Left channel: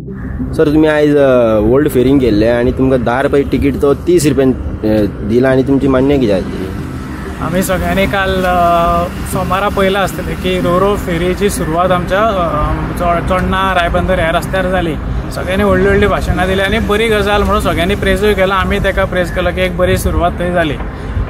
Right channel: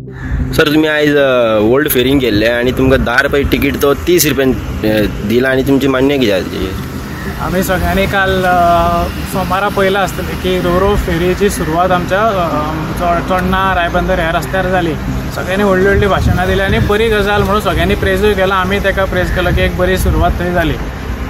Sir तुम्ही आज old फेरींग गेल्ले आणि तुमकां 10 रुपये तिकीट तो 30 रुपयान दिला आणि तुमची मान्य किती आम्ही सगळ्यांनी काल सोमारा पयला आसतलें की रोरो फेरीची सुरवात आमच्या चोडणा रायबंदर ह्या रस्त्यार जाली। सगळ्यांनी व्हडली व्हडली भाशणां दिली आणि बरी गजाल म्हणून सगळ्यांनी प्रेजूय केला। आमी तेका प्रेज केलो की एक बरी सुरवात थंय जाली।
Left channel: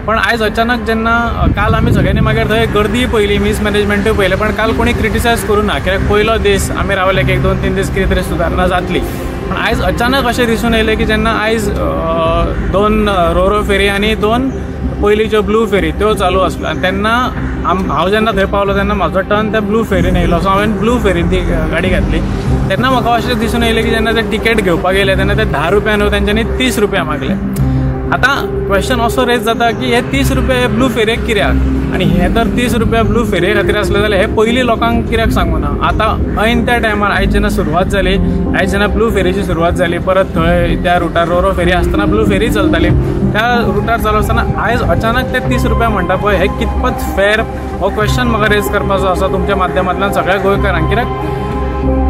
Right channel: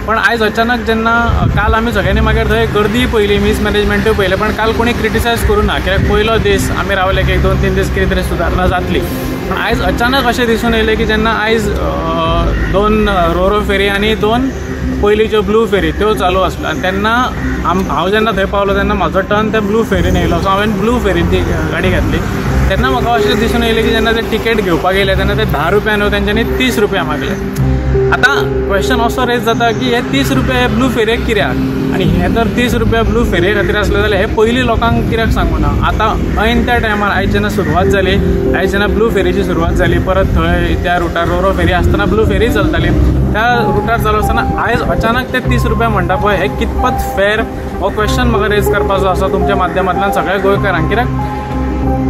पण आयज अचानक जेन्ना काल आमी सगळ्यांनी मागीर थंय गर्दी पयली, मिसमॅनेजमेंटूय पयलें, पण काल कोणी क्रिटिसायज करूं ना, कित्याक पयलो दीस आमी रावले की 1-2-3 दीस कितें तरी सुदारणा जातली। पण आयज अचानक अशें दिसून येयलें की जेन्ना आयज 2 रोरो फेरी आनी 2 पयलींच्यो ब्लू फेरी त्यो चालू आसल्यो आणि तेन्ना हांव जेन्ना थंय पावलो तेन्ना म्हाजो टर्न त्या ब्लू फेरीन येयलो। सो हांवें ब्लू फेरीन ती गाडी घातली। तेन्ना म्हाका अशें दिसून येयलें की जेन्ना ते तिकेट घेवपाक गेले तेन्ना ते 10 रुपया न्हू, तेंच्यांनी 30 रुपया मागले। आता क्वेश्चन असो रेज जाता की हे 30 रुपया हे ब्लू फेरेक कित्याक, आणि हे तर 30 रुपया ब्लू फेरे खातीर आसले जाल्यार हे पयलीं लोकांक कित्याक सांगूं ना। आतां ऐन त्या टायमार आयज जेन्ना सुरवात जाली, आयज जेन्ना ब्लू फेरीची सुरवात जाली, परत थंय त्या रुटार रोरो फेरी आसतना ब्लू फेरी चलताली, त्या रुटार चालू आसतना आयज अचानक ते 30 रुपया म्हणटा पळय हे कितपत फेर, हो क्वेश्चन म्हाका रेज करपाचो आसा तुमच्या माध्यमांतल्यान सगळ्या गोंयकारांक। कित्याक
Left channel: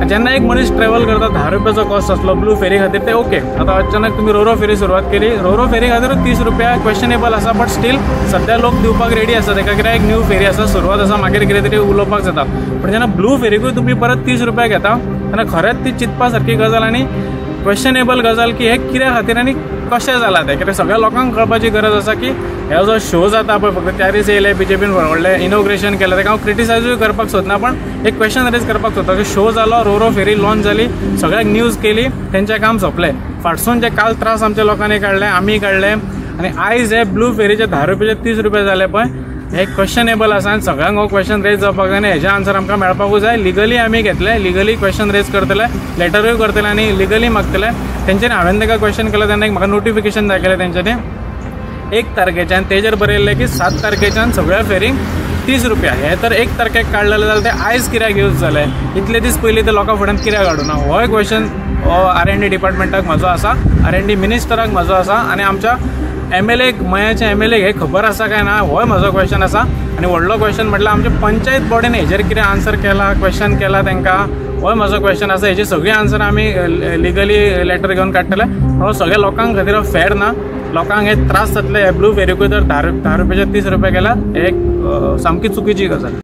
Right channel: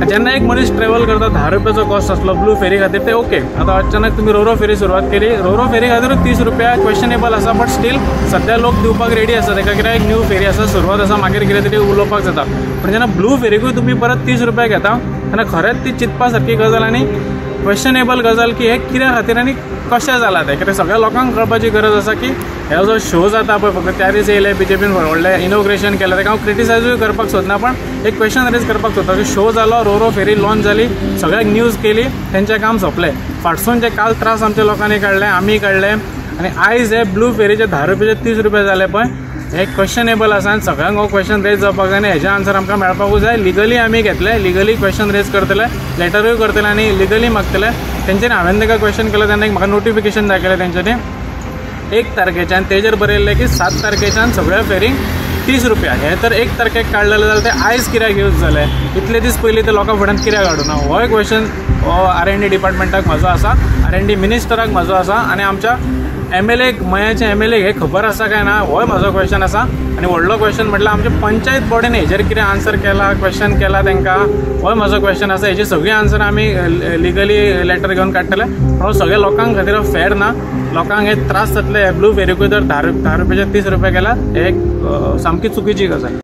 जेन्ना एक मनीस ट्रॅव्हल करता 10 रुपयाचो कॉस्ट आसलो ब्लू फेरी खातीर ते ओके। आता अचानक तुम्ही रोरो फेरी सुरवात केली, रोरो फेरी खातीर 30 रुपया क्वेश्चनेबल आसा, बट स्टील सध्या लोक दिवपाक रेडी आसा तेका, कित्याक एक न्यू फेरी आसा, सुरवात आसा, मागीर कितें तरी उलोवपाक जाता। पण जेन्ना ब्लू फेरीकूय तुम्ही परत 30 रुपया घेता तेन्ना खरेंच ती चिंतपा सारकी गजाल आणि क्वेश्चनेबल गजाल की हे कित्या खातीर आनी कशें जालां तें। कित्याक सगळ्या लोकांक कळपाची गरज आसा की हे जो शो जाता पळय, फक्त त्या दीस येयले बीजेपीन व्हडलें इनॉग्रेशन केलें, तेका हांव क्रिटिसायजूय करपाक सोदना, पण एक क्वेश्चन रेज करपाक सोदता की शो जालो, रोरो फेरी लॉन्च जाली, सगळ्याक न्यूज केली, तेंचें काम सोंपलें। फाटसून जे काल त्रास आमच्या लोकांनी काडले, आमी काडले, आणि आयज हे ब्लू फेरीचे 10 रुपयाचे 30 रुपया जाले पळय, हे क्वेश्चनेबल आसा आणि सगळ्यांक हो क्वेश्चन रेज जावपाक जाय, आनी हेजे आन्सर आमकां मेळपाकूच जाय। लिगली आमी घेतले, लिगली क्वेश्चन रेज करतले, लेटरूय करतले आनी लिगली मागतले। तेंच्यांनी हांवें ताका क्वेश्चन केलो तेन्ना म्हाका नोटिफिकेशन जाय केलें तेंच्यांनी 1 तारखेच्यान, तेजेर बरयल्लें की 7 तारखेच्यान सगळ्या फेरींक 30 रुपया। हे तर 1 तारखेक काडलेले जाल्यार ते आयज कित्याक यूज जाले, इतले दीस पयलीं ते लोकां फुड्यान कित्याक हाडूं ना, हो क्वेश्चन हो R&D डिपार्टमेंटाक म्हाजो आसा, R&D मिनिस्टराक म्हाजो आसा, आणि आमच्या MLA मयाचे MLA हे खबर आसा काय ना, हो म्हाजो क्वेश्चन आसा। आणि व्हडलो क्वेश्चन म्हटल्यार आमच्या पंचायत बॉडीन हेजेर कितें आन्सर केला, क्वेश्चन केला तेंकां, हो म्हाजो क्वेश्चन आसा। हेजी सगळी आन्सर आमी लिगली लेटर घेवन काडटले, पण सगळ्या लोकांक खातीर फेर ना। लोकांक हे त्रास जातले, ब्लू फेरीकूय तर 10 रुपयाचे 30 रुपया केला, हे एक सामकी चुकीची गजाल।